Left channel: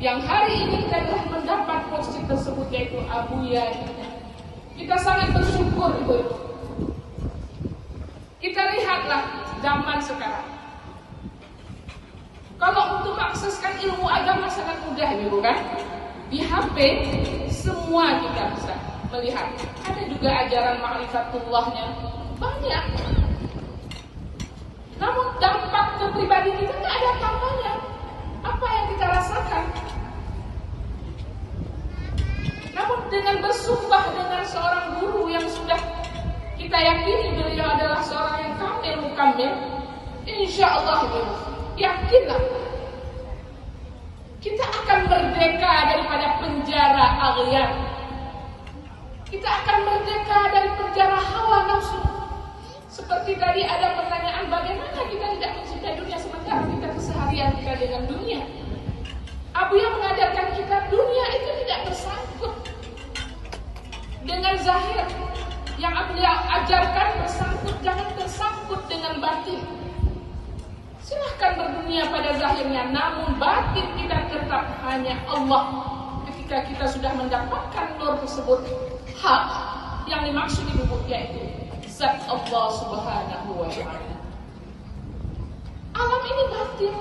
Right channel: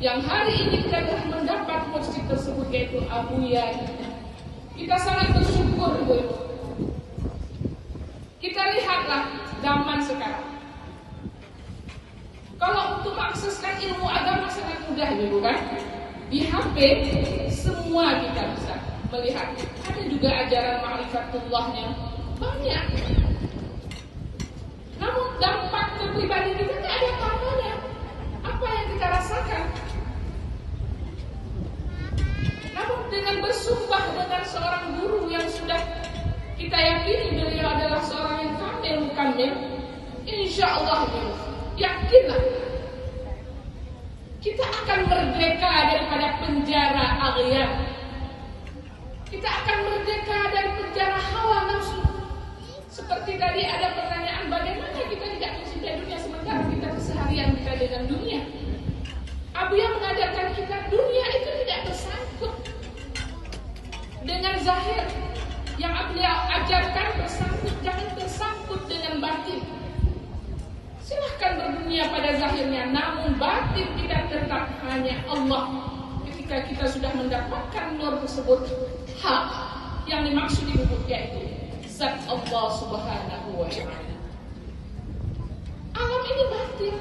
yang hari ini kita telah mendapat porsi tersebut, yaitu Abuya. Kita sangat bersyukur Ibu-ibu. Kita lihatlah zaman sekarang. Kalau untuk mengakseskan ilmu agama sangat mudah Ibu kan? Di HP semua kita bisa melihat. Ada juga ajaran ma'rifatullahnya banyak. Namun dampak ke pribadi kita tidak ada apa-apanya. Apa yang kita rasakan? Namun dengan bersumpah dengan seorang guru yang sudah kita yakini beliau adalah seorang yang kamil mukamil, insya Allah yakinlah kita akan merdeka daripada penjara aghyan. Kita akan merdeka dari penjara hawa nafsu. Seperti tadi ada pertanyaan, bagaimana kita tidak mencintai dunia sementara kita keseharian kita dengan dunia. Abuya mengajarkan kita dunia itu tidak bersangkut dengan zahir. Yang Abuya ajarkan bersangkut, jangan tersangkut dengan batin. Silahkan berdunia pada zahirnya, namun batin kita tetap hanya Allah. Ketika kita sudah mendapatkan nur tersebut, hak yang dimaksud di buku yaitu zat Allah Subhanahu wa Ta'ala. Alam ini batin,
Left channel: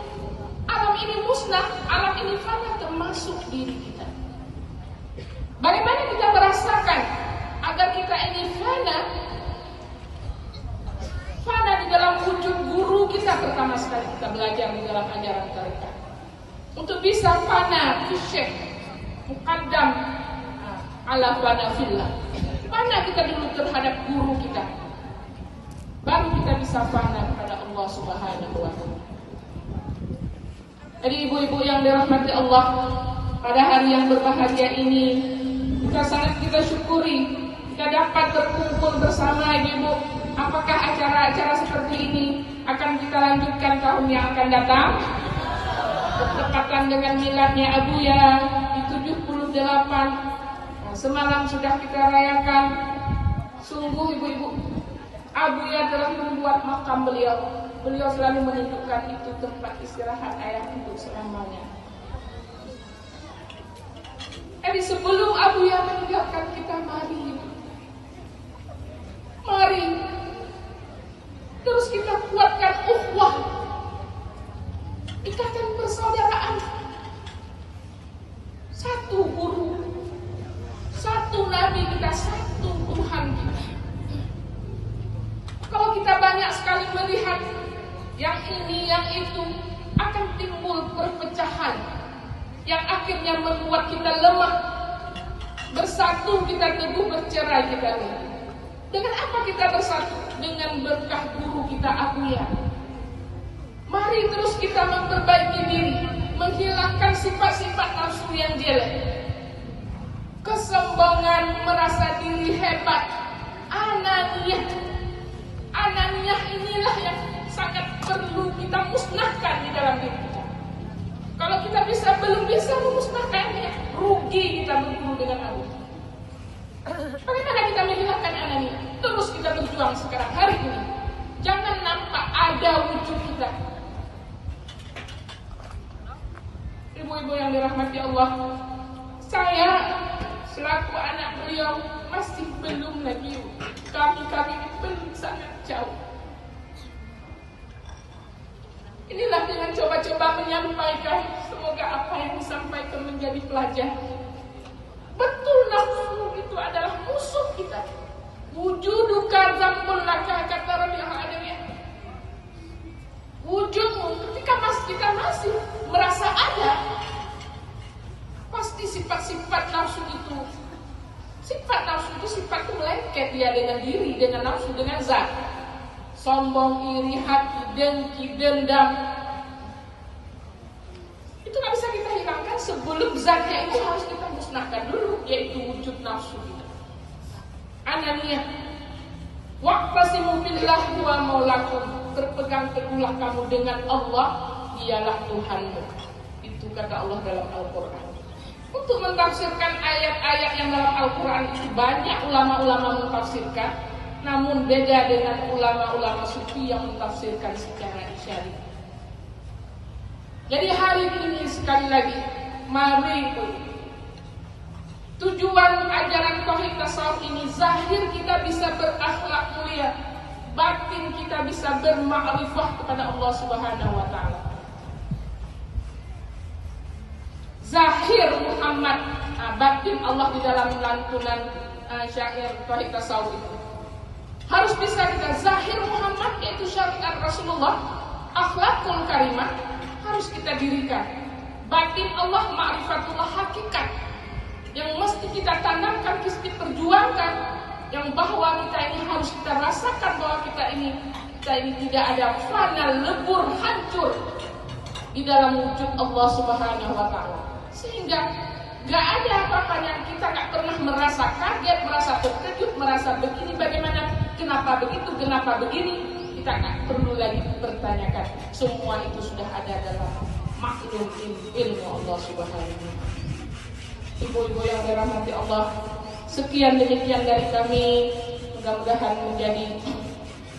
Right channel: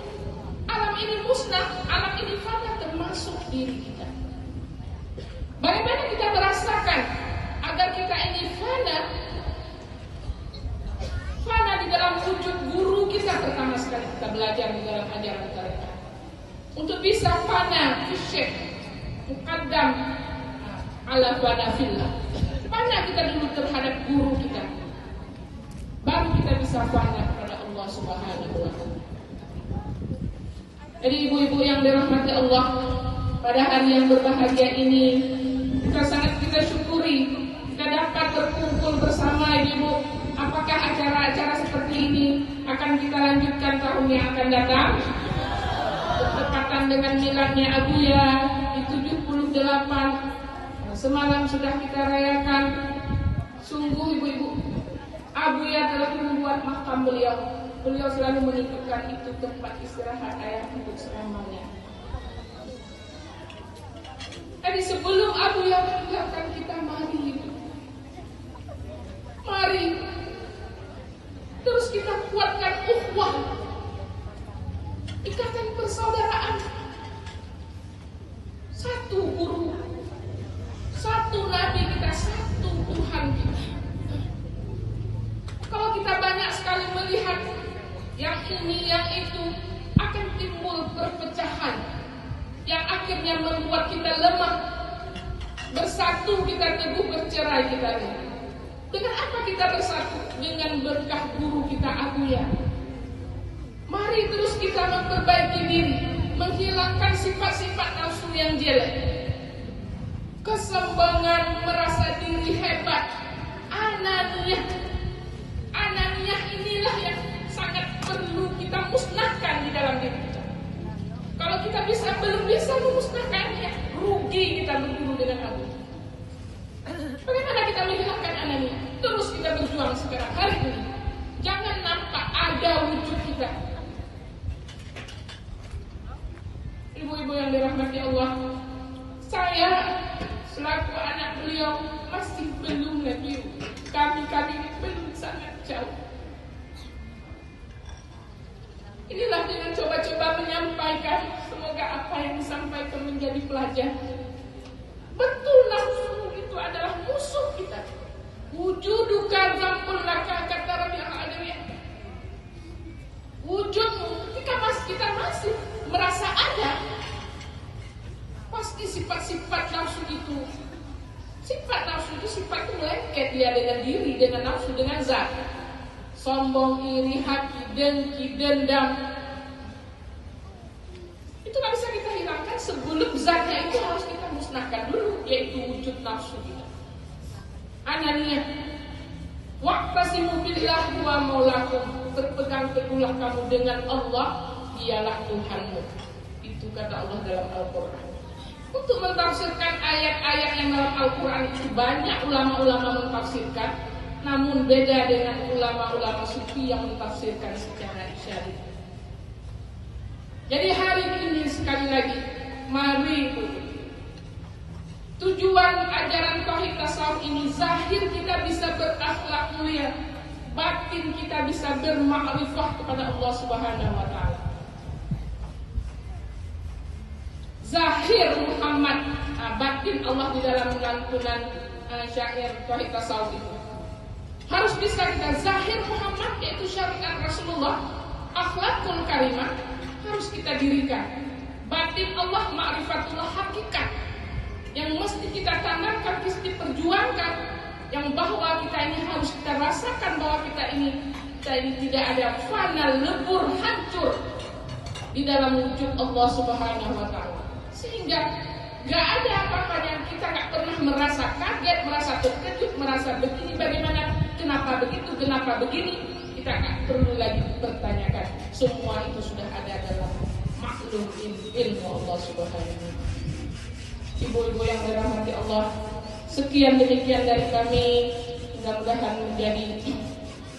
alam ini musnah, alam ini fana, termasuk diri kita. Bagaimana kita merasakan agar kita ini fana di dalam wujud guru kita pertama sekali kita belajar di dalam ajaran tarekat. Untuk bisa fana fi syekh muqaddam ala fana fillah. Fana kita dulu terhadap guru kita, baru kita bisa fana kepada Allah Subhanahu wa Ta'ala. Jadi ibu-ibu yang dirahmati Allah, pada hari yang berbahagia ini kita sangat syukuri kita dapat berkumpul bersama ibu-ibu. Apakah acara-acara seperti ini akan kita lanjutkan tahun yang akan datang? Bertepatan dengan miladnya Abuya di 78. Nah, semalam sudah kita rayakan. Sungguh ibu-ibu, Abuya telah membuat makam beliau. Beliau selalu menunjukkan itu tempat istirahat ayah untuk selamanya. Jadi sebelum Abuya meninggalkan kita, mari terus kita kuatkan ukhuwah, ikatan persaudaraan. Satu guru, satu nabi kita, satu Tuhan kita. Kalau kita banyak sekali melihat yang ini, yang itu, akan timbul perpecahan yang akhirnya membuat kita lemah. Bersatu kita teguh, bercerai kita lemah. Dengan apa kita bersatu? Dengan berkah guru kita Abuya. Mari terus kita memperbaiki diri, menghilangkan sifat-sifat nafsu yang jelek, kesombongan, merasa diri hebat, ananiyah. Ananiyah inilah yang sangat perlu kita musnahkan di dalam diri kita. Kalau kita belum bisa memusnahkannya, rugi kita berguru dengan Abuya. Bagaimana kita menghilangkan anani? Terus kita berjuang sekarang hari ini. Jangan nampak ada wujud kita. Ibu-ibu yang dirahmati Allah, saya selaku anak beliau masih belum lagi. Kami ini belum sangat jauh. Inilah dengan coba-coba menyampaikan, semoga apa yang disampaikan menjadi pelajaran. Betul, nafsu itu adalah musuh kita. Wujuduka zambul laka, kata Rabi al-Adawiyah. Wujudmu ketika kita masih merasa ada, pasti sifat-sifat nafsu itu, sifat itu melengket dia dengan diri, dengan nafsu, dengan zat. Sombong, iri, hati, dengki, dendam, itu gak bisa kita hilangkan sebelum zatnya itu harus kita musnahkan dulu, yaitu wujud nafsu kita. Ananiyah, waqtasimu billah huwa maulakum, berpegang teguhlah kamu dengan Allah, dialah Tuhanmu. Itu kata Allah dalam Al-Quran. Untuk mentafsirkan ayat-ayat yang dalam Al-Quran itu banyak ulama-ulama mentafsirkan, namun beda dengan ulama-ulama sufi yang mentafsirkan secara isyari. Jadi hari ini sekali lagi Mari tujuan ajaran tauhid tasawuf ini, zahir kita bisa berakhlak mulia, batin kita bisa bermakrifah kepada Allah Subhanahu wa taala. Zahir Muhammad, batin Allah di dalam lantunan syair tauhid tasawuf itu. Harus bisa kita zahir Muhammad, yaitu syariat Rasulullah, akhlakul karimah harus kita dirikan. Batin Allah, ma'rifatullah, hakikat yang mesti kita tanamkan, mesti perjuangkan, yang bahwa kita ini harus kita rasakan bahwa kita ini tidak ada fana, lebur, hancur di dalam wujud Allah Subhanahu wa taala. Sehingga gak ada apa-apa yang kita gak pernah merasa kaget, merasa terkejut, merasa begini bagaimana, kenapa begitu, kenapa begini. Kita gak perlu lagi bertanyakan. Semua itu sudah ada dalam maklum ilmu Allah Subhanahu wa taala. Ibu-ibu yang dirahmati Allah, sekian demikian dari kami. Mudah-mudahan menjadi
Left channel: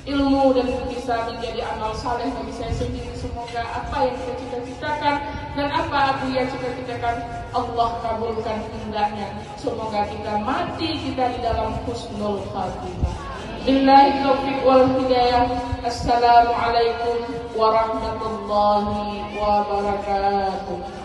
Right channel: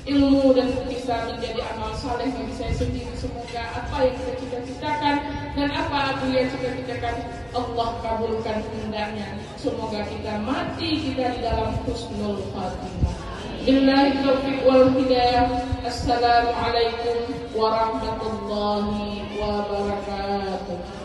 ilmu dan bisa menjadi amal saleh bagi saya sendiri. Semoga apa yang kita cita-citakan dan apa yang cita-citakan Allah kabulkan hendaknya. Semoga kita mati kita di dalam husnul khatimah. Billahi taufiq wal hidayah. Assalamualaikum warahmatullahi wabarakatuh.